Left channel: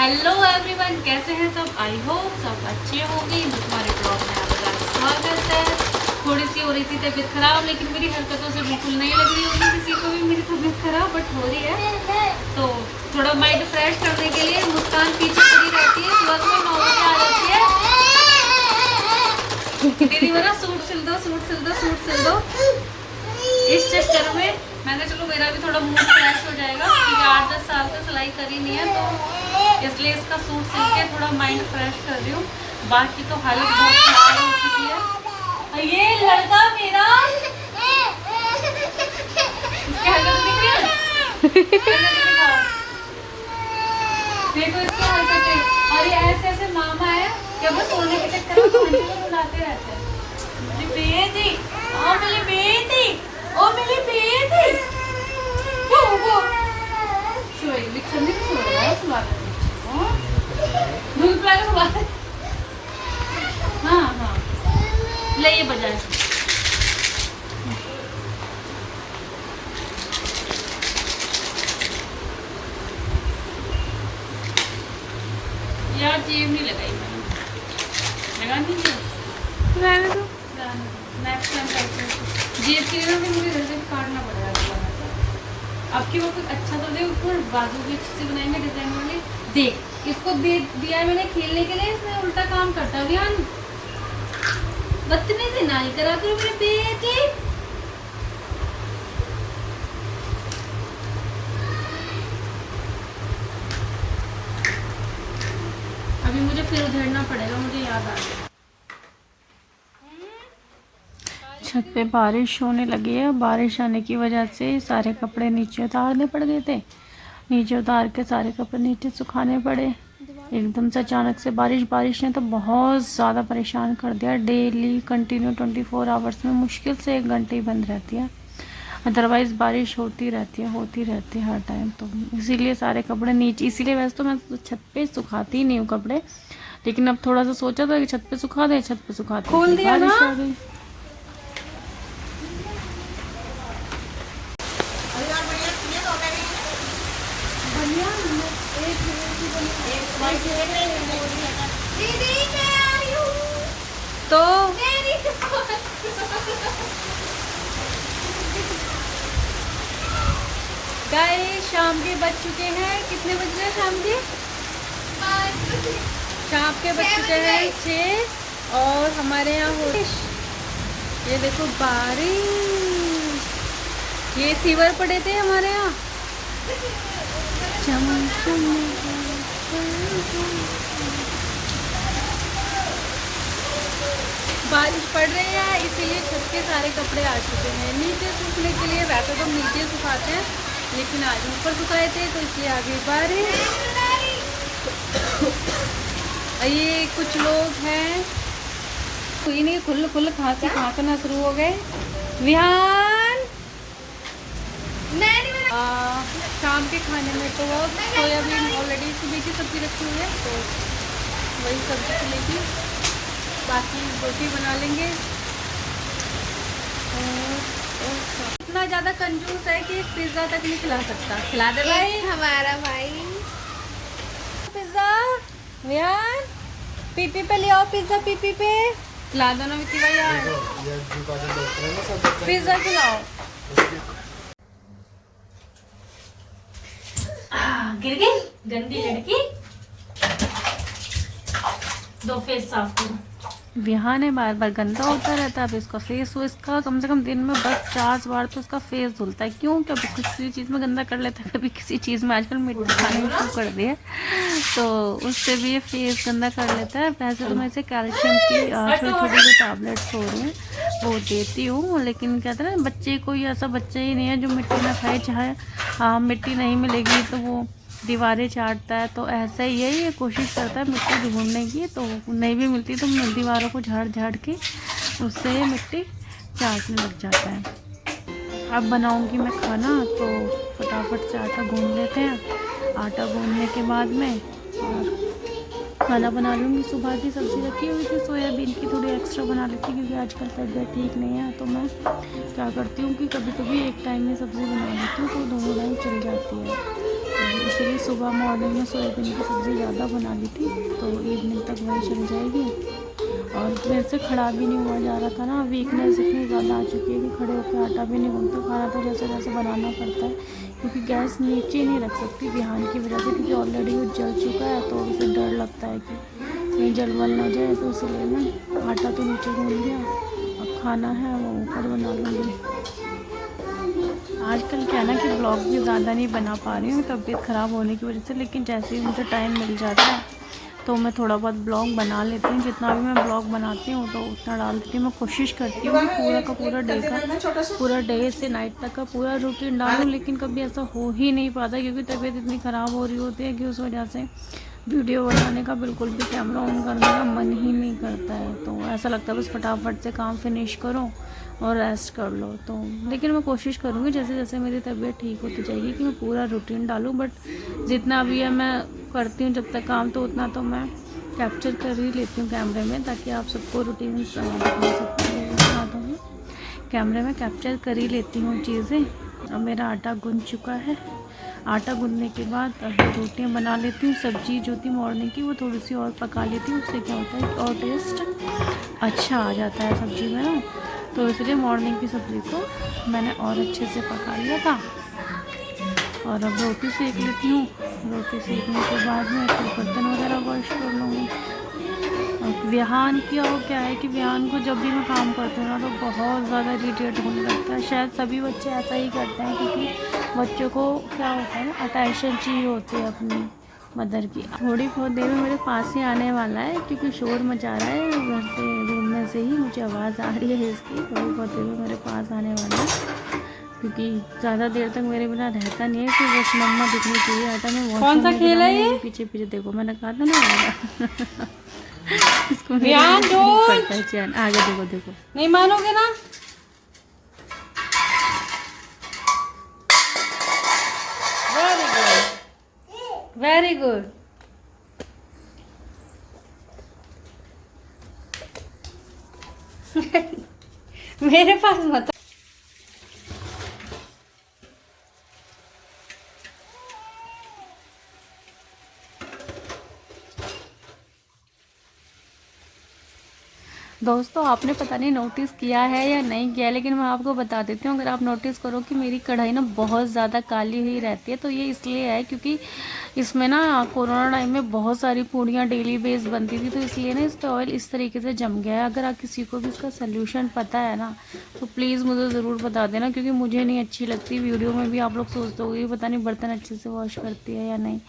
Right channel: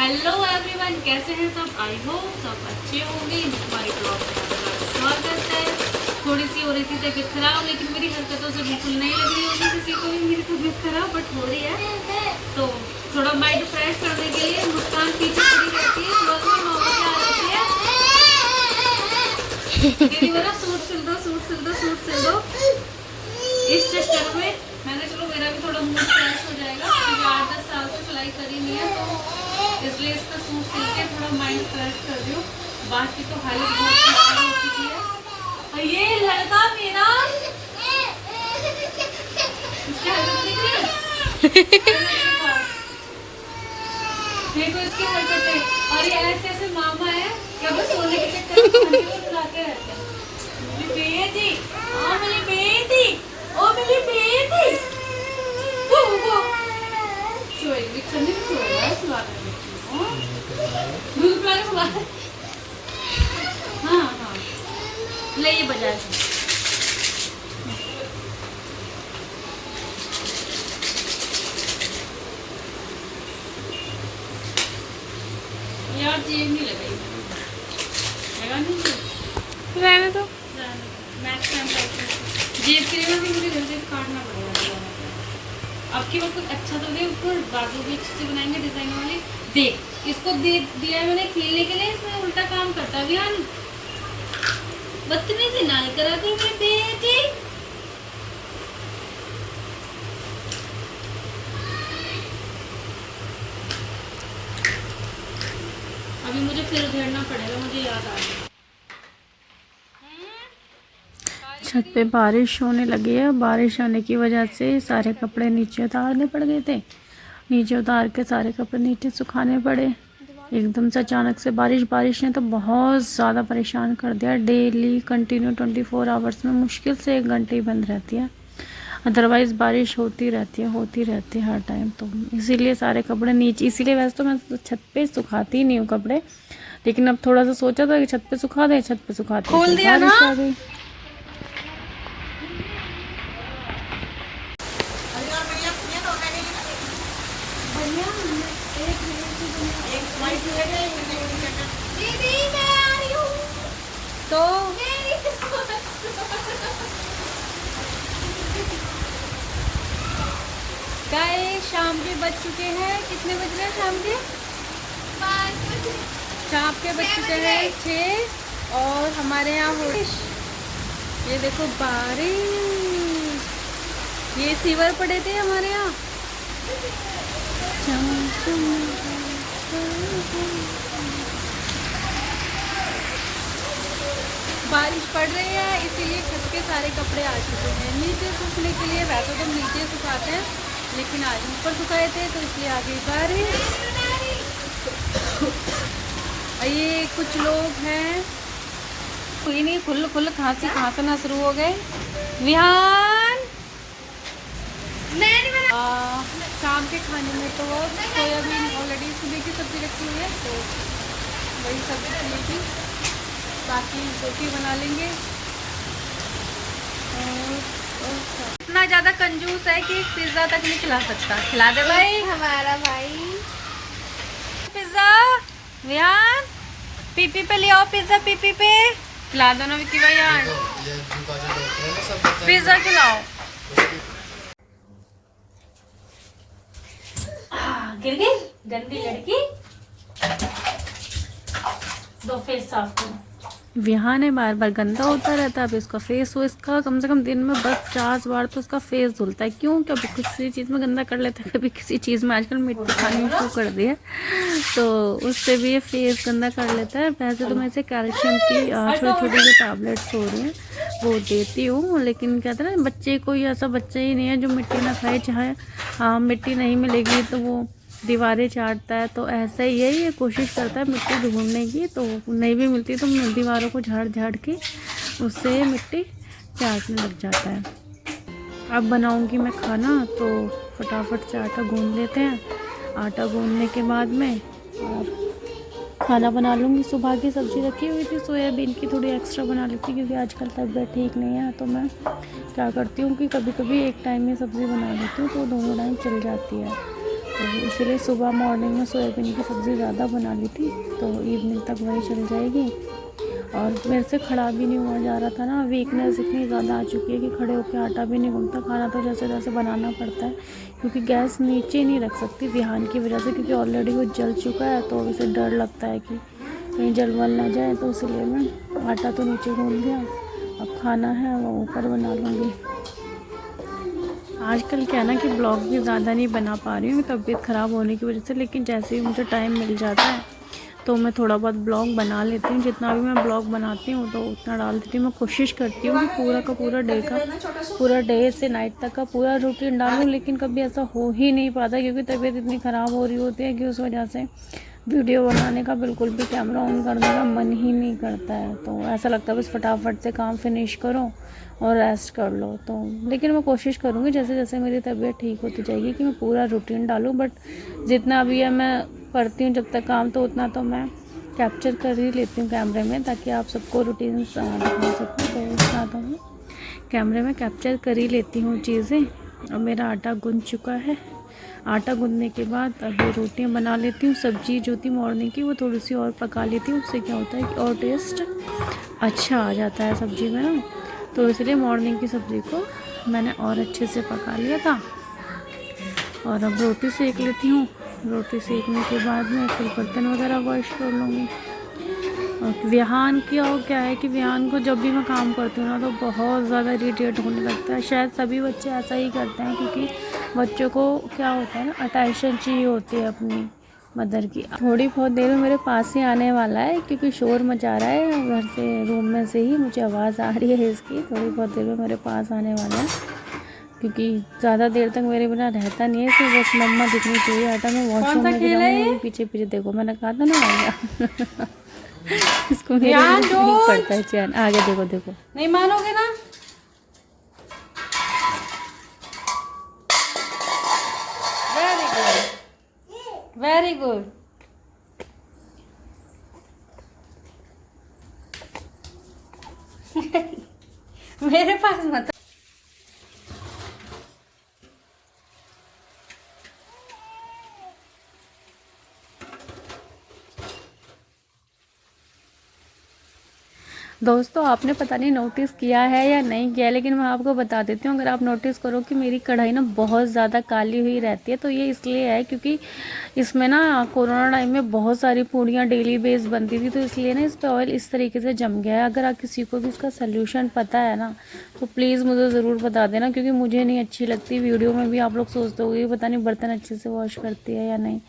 Hello everyone, कैसे हैं सब? आई होप सब अच्छे होंगे। हमारे ब्लॉग में आपका स्वागत है। थोड़ी सी हो रही थी तबीयत खराब, लेकिन मेरी हरकतों से बिल्कुल नहीं लग रही होगी किसी को भी मेरी तबीयत खराब, बट हो रही है। तो थोड़ा माइंड फ्रेश करने के लिए मुस्कान पीछे खड़ी रहती है। सुबह सुबह 9 बजे आ जाती है, दीदी बोला सूट सिल दो, सूट सिल दो, सूट सिल दो। इस चक्कर में मैंने चलो मेरा भी थोड़ा मूड फ्रेश हो जाएगा, क्योंकि 8-10 साल से सिलाई करी नहीं है, तो इसलिए इसका सूट सिल के थोड़ा माइंड फ्रेश कर रही हूँ। बाकी तो हालत बहुत खराब हो चुकी है। ये लड़का मेरा इसकी हरकत देखो, इसकी हरकतें। और ये ऐसे ऐसे मामा है कि वो सोने के चक्कर में बुलाते रहते हैं। मेरी बेटी, ओ मेरी बेटी, ओ मेरी बेटी, वो सोए भी चलने की सोए है सुबह दूध पिला के सुबह। हाँ हाँ, ले ये बजाए यार। जेब नहीं लगाई मैंने, लगा नहीं, रहने दो। नेक्स्ट टाइम जेब की वजह से मुझे जल्दी काटना पड़ रहा है। अब की वक्त अच्छा तो दे, उसको बाजू भी अच्छे से बनाएंगे डिजाइन वाली। देख इसको दे दिया मैंने खेलने के लिए, इसने उल्टा काम करता भी। बदतमीजी नहीं करा करो मेरी बेटी। अभी मुझे फिर उधेड़ना पड़ेगा, मुझे याद आ गया। छत पे बारिश होने लगी है। बारिश आने की वजह से सारे कपड़े नीचे उतारने पड़ गए थे। नीचे उतार के सारे कपड़े नीचे सुखाने पड़े। एकदम से अचानक से बारिश ने तो बहुत ज़्यादा परेशान कर दिया। डेली कंटिन्यू 24 आवर्स में मुश्किल से 1 घंटे ही बंद रहती है, अदरवाइज़ बारिश होती रहती है हर टाइम। तो इसीलिए सारे कपड़े नीचे, इसीलिए वैसे तो मैं छत पे सुखाती नहीं हूँ कपड़े, लेकिन अब थोड़ा सा सोचा था कि छत पे सुखा दें। छत पे सुखाते खोल दिया ना, आ गई। तो गाइस शाम के बज चुके हैं, कितने बज रहे हैं शाम के? शाम के बज चुके हैं 6, और हमारे यहाँ हो ये देखो बारिश। ये सीवर पड़े थे हमारे यहाँ। बारिश पड़ रही है, इसीलिए छत के सारे कपड़े आ चुके हैं नीचे सूखने के लिए। वैसे तो हम नीचे सुखाते हैं, लेकिन आज ऊपर सुखाए थे, तो इसलिए आ गई बारिश। ये कुछ लोग हैं, कोई नहीं, खुल खांसना शुरू हो गए। विहान शाम के खाने में तो वो सोयाबीन ऑलरेडी सुबह की सब्जी रखी हुई है, तो वही सब्जी चलेगी। बाकी रोटी बना लेंगे। और इतना ज़्यादा कंजूस है कि पिज़्ज़ा तक नहीं खिला सकता। खिला दे भाई, हमारा भाई पिज़्ज़ा। विहान पीपी पे ले आओ पिज़्ज़ा, पीपी पे खिला दो ना विक्की भाई यार, पिज़्ज़ा खिलाओ। गिर गई गंदी लड़की, दो फेस साफ करो। विहान है बार बार गंदा होता रहता है। अब इसका फेस हो, इसका कम से कम दिन में 50 बार तो उसका फेस धुलता है। क्यों? कभी किसी चीज़ में गंदा कर लेता है, कभी किसी चीज़ में। आजकल मिट्टी खाने में शुरू कर दिया, तो उससे भी ये फेस गंदा कर लेता है। वैसे तो मैं इसे कैल्शियम की छोटी छोटी जो टैबलेट्स हो रही हैं वो देती हूँ, लेकिन कहते हैं बच्चे, कोई ऐसा बच्चा ही नहीं है जो मिट्टी ना खाए। चाहे मिट्टी नहीं मिलेगी तो वो दीवारें चाटता है, तो ऐसा ही है, ये कोशिश करता है मिट्टी ढूंढने की। तो नहीं भी मिलती तो दीवारों को झाड़ के उससे मिट्टी चाटने लग जाता है। अब बनाऊंगी मैं खाना, तो फटाफट से आटा गूंद लेते हैं आटा गूंदने के बाद में और खाना बना लूँगी। सुबह की सब्ज़ी रखी हुई थी सोयाबीन की, थोड़ी एक्स्ट्रा बना लेती क्योंकि आजकल तबीयत ठीक नहीं है। तो मैं क्या करती हूँ कि कभी कभी एक टाइम में सब्ज़ी बना लेती हूँ तो दोनों टाइम चल जाती है। तो इसलिए सुबह मॉर्निंग में सोयाबीन की सब्ज़ी ज़्यादा बना ली थी तो इवनिंग तक वही चल जाएगी। और मेरे से खड़ा भी नहीं हुआ जा रहा था ना, वीकनेस इतनी ज़्यादा आ चुकी है कि खड़े होकर आटा भी नहीं गूंथता। खाना तो जैसे तैसे बनाना पड़ता है क्योंकि गैस नीचे नहीं रख सकती विहान की वजह से, क्योंकि ऑलरेडी वो जल चुका है तो उसे डर लगता है कि कहीं जल वल ना जाए। तो इसलिए ना आटा तो नीचे गूंद दिया, अब खाना है वो ऊपर बना लूँगी। आजकल क्या है ना कि ब्लॉग भी ज़्यादा नहीं बना पा रही हूँ तबीयत ख़राब होने की वजह से, लेकिन जैसे ही मुझे टाइम मिल जाता है तो मैं थोड़ा बहुत ब्लॉग बना लेती हूँ। जितना भी मैं ब्लॉग बनाती हूँ तो उतना डाल देती हूँ। मैं कोशिश करती हूँ कि पूरा का पूरा डे से नाइट तक का पूरा रूटीन डालूँ, लेकिन कभी ऐसा हो ही नहीं पाता क्योंकि तबीयत इतनी ख़राब हो रही होती है कि उस वजह से वीडियो बनाने का बिल्कुल भी कैमरा ऑन करने का मन ही नहीं करता है। तो ऐसा लगता है बस फटाफट से काम फिनिश करो और रेस्ट कर लो। तो लेकिन मैं कोशिश करूँगी जैसे जैसे मेरी तबीयत ठीक होती जाएगी कि मैं पूरा रूटीन डालूँ। बट जितना भी है मैं करती हूँ जब तक काम, तो उतना तो मैं कैप्चर कर ही लेती हूँ कैमरे में ताकि आप सबको रूटीन दिखा सकूँ। तो उतना तो मैं कैमरे में कैप्चर कर ही लेती हूँ चीज़ें। अब मेरा आटा गूंद चुका है। आटा गूंदने के बाद अभी रोटियाँ बना लेती हूँ। सब्ज़ी जो थी मॉर्निंग की वो थोड़ी सी और पका लेती हूँ, उससे क्या होता है कि और टेस्ट अच्छा आ जाता है सब्ज़ी में ना। तो इसलिए मॉर्निंग की सब्ज़ी को मैंने और अच्छे से पका लिया था। और अब रोटी सेक लेती हूँ। रोटी सेकने के बाद में फिर बर्तन वगैरह वॉश कर लूँगी। और विहान की और क्या है कि विहान को जब भी मैं काम करती हूँ ना तो बहुत ज़्यादा इरिटेट होने लगता है। शायद सभी बच्चे ऐसा ही करते हैं क्योंकि बच्चों को क्या होता है ना, अटेंशन चाहिए होती है अपनी मदर की। थोड़ी बहुत देर में मेरे पास ही आने वाला है क्योंकि शोर मचा रहा है घर से, रूम में से ही मुझे आवाज़ आ रही है इसकी। थोड़ी बहुत देर में मेरे पास आने वाला है क्योंकि ज़्यादा देर तक मेरे बिना रहता नहीं है। फिर बस मम्मा दिखनी चाहिए। आता मैं वॉशरूम में जाऊँगी, पीछे पीछे देखो, मैंने कहा था ना आएगा। इसको पड़ता है चैन। आगे देखो देखो, नहीं मानोगे ना। Very good, very good. मेरे पास मत। दोस्तों आपने पता नहीं नोटिस किया है या नहीं किया, लेकिन मैं आपको बता देती हूँ। अगर आप नोटिस करो कि मेरी कढ़ाई ना बहुत ज़्यादा काली हुई रहती है तो ये इसलिए है क्योंकि इसमें ना कोरोना टाइम में बहुत सारी पूड़ियाँ डेली बेस बनती थी, तो इसलिए ना इस पर ऑयल इस तरीके से जम गया है। अगर आप किसी को भी इसका सोल्यूशन पता है ना तो प्लीज़ मुझे ज़रूर बता देना, क्योंकि मुझे नहीं अच्छी लगती। वीडियो में भी आप लोग सोचते हो पता नहीं बर्तन अच्छे से वॉश करती है या नहीं,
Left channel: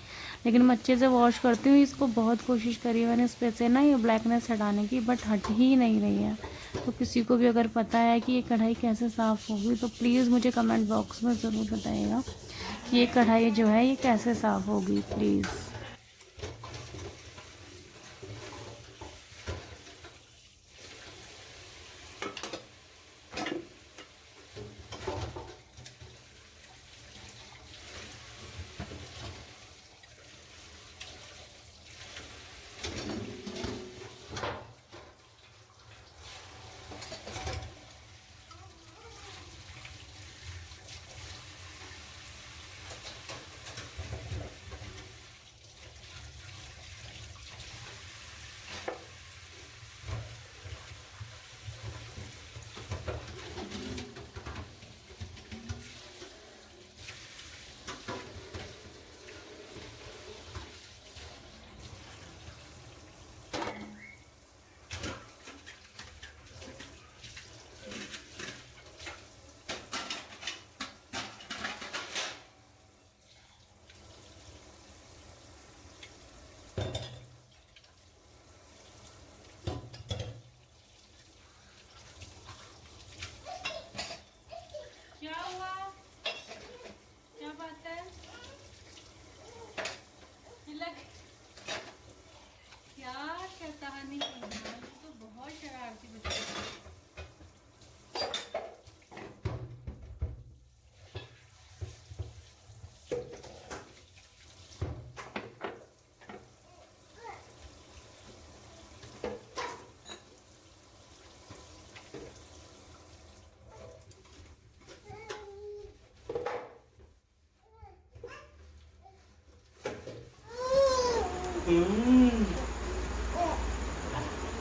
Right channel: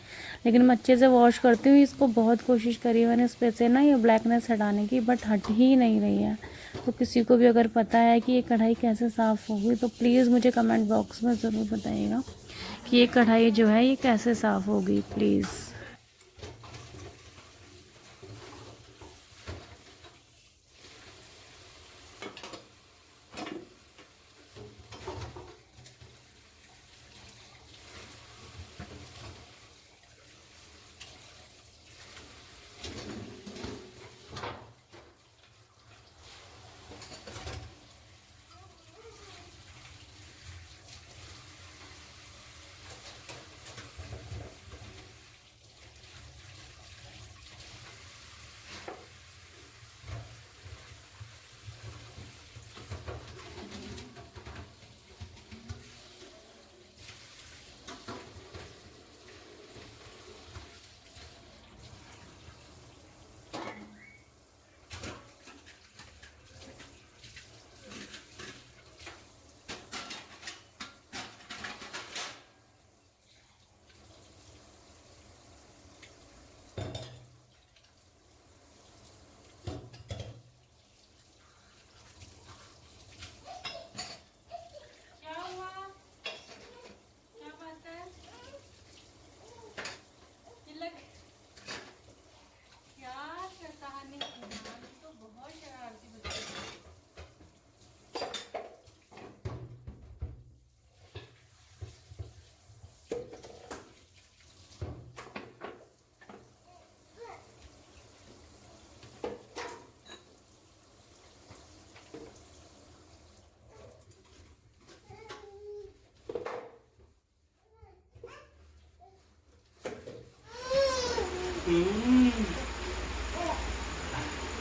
लेकिन मैं अच्छे से वॉश करती हूँ। इसको बहुत कोशिश करी मैंने इस पे से ना ये ब्लैकनेस हटाने की, बट हट ही नहीं रही है। तो किसी को भी अगर पता है कि ये कढ़ाई कैसे साफ़ होगी तो प्लीज़ मुझे कमेंट बॉक्स में ज़रूर बताइएगा कि ये कढ़ाई जो है ये कैसे साफ़ होगी प्लीज़।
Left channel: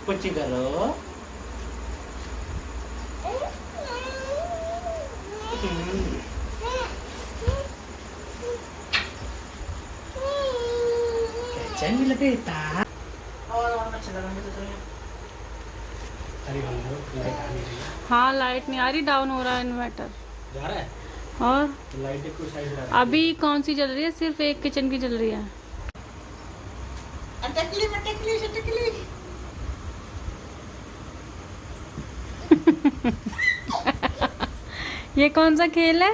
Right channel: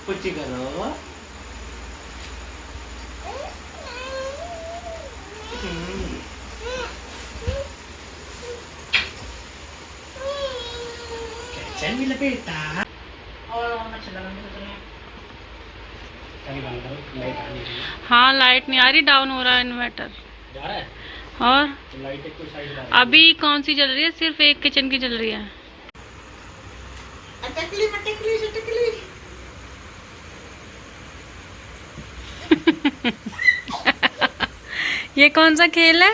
कुछ करो। चल बेटा। और चला हाँ लाइट नहीं आ रही, डाउन हो रहा है इन्वर्टर। जा रहा है और लाइट एक साइड जा रहा है। अभी कौन सी जल रही है? सिर्फ एक किचन की जल रही है। अटकली पटकली चटकली। ये कौन सा खेल है?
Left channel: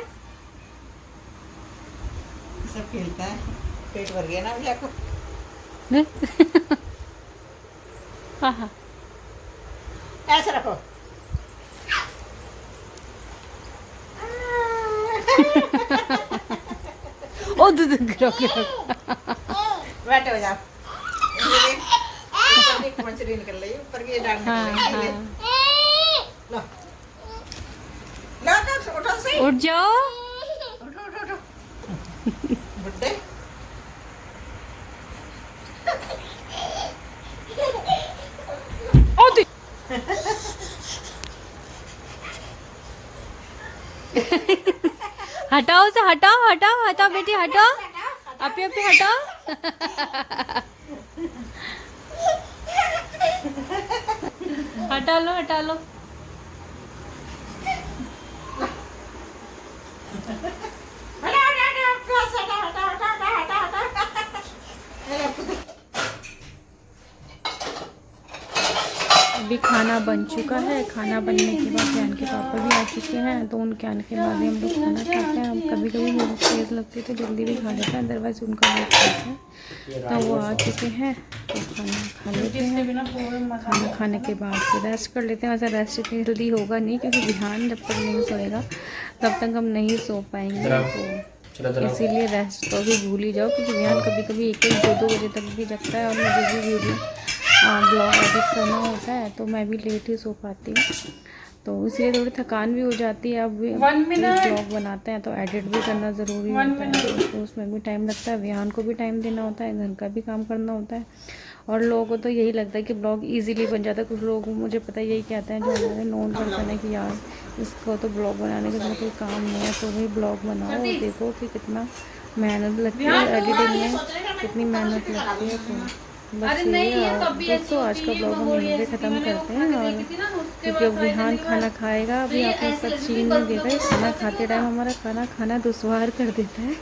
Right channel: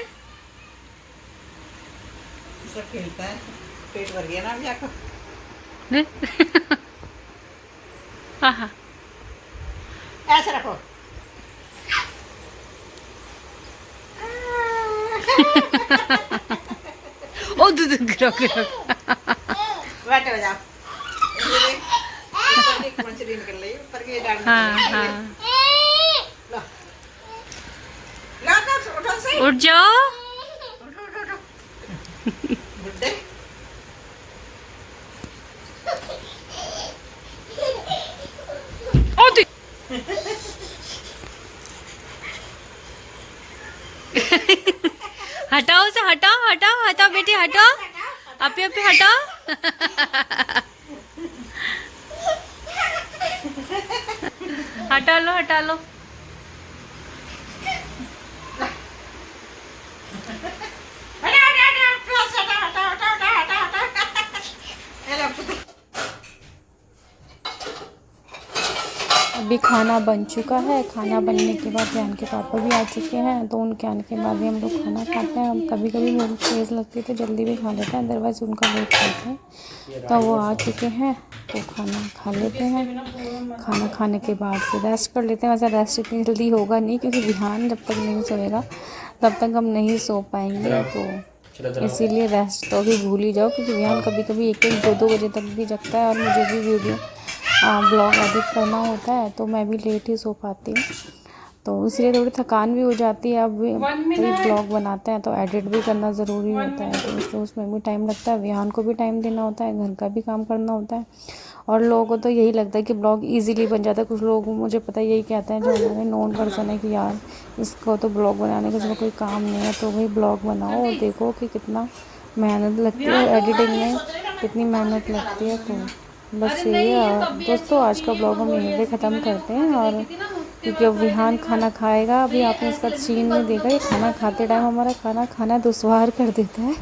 सब खेलता है, पेट भर गया ना अभी आपको। हाँ ऐसे रखो। ओ दूध गिरो गिरो। बैठे हो जाओ। ऊपर की मछली निकल रही है, ऊपर की डाल। हाँ हाँ लो लो उठो से। उठ जाओ। उठो उठो उठो बुड्ढे। ओ तू हटाओ से, हटाओ हटाओ हटाओ बेटी हटाओ, अपे अपे हटाओ। हटा लो हटा लो। अभी खाना बन चुका है। खाना बनने के बाद जान के पापा भी आ चुके हैं, तो उनके आने के बाद ही हम लोग खाना खाते हैं। हम कभी कभी मेरी तेज़ लगती है तो जल्दी भी खा लेते हैं, अदरवाइज़ उनका वेट करते हैं। तो वो आ चुके हैं तो खाना खा लेते हैं। खाना खाने के बाद फिर रेस्ट कर लेते हैं। वैसे रेस्ट इतनी जल्दी होगा नहीं, क्योंकि ध्यान जब तक नहीं सोएगा तब तक हम नहीं सो पाएंगे। तो इसीलिए रेस्ट तो अभी भूल ही जाओ, क्योंकि ध्यान कभी कभी 1-2 बजे तक भी जगता है। और मुझे भी वीडियो ब्लॉग एडिट करना होता है, तो मैं भी लेट ही सो पाती हूँ। तो इसलिए थोड़ी थकान भी हो जाती है। अब ब्लॉग बनाते हैं तो एडिट भी करना ज़रूरी होता है, तो उसमें भी टाइम लगता है। विहान को भी टाइम देना होता है, घर का भी काम करना होता है। और लोगों को तो यही लगता है कि ब्लॉग इजीली बन जाता है। कुछ लोग मुझे पता है यही कहते हैं, जो हमारे नॉन पर्सन है, कि यार इसको तो ब्लॉग बनाने का कोई काम नहीं है, तो वही ब्लॉग बनाओ। देखो कि कितना मेहनत लगती है, एडिटिंग में कितनी मेहनत लगती है। तो बस यही है दोस्तों, आज का ब्लॉग हम यहीं पे ख़त्म करते हैं। और क्योंकि अब विहान खाना खाएगा, अभी आपने इसका सीन नहीं देखा, ये खाना खाते टाइम हमारा खाना खाना दुश्वार कर देता है।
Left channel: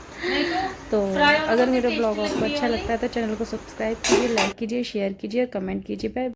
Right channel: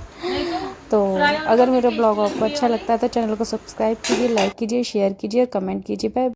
तो अगर मेरा ब्लॉग आपको अच्छा लगता है तो चैनल को सब्सक्राइब कीजिए, लाइक कीजिए, शेयर कीजिए और कमेंट कीजिए। बाय।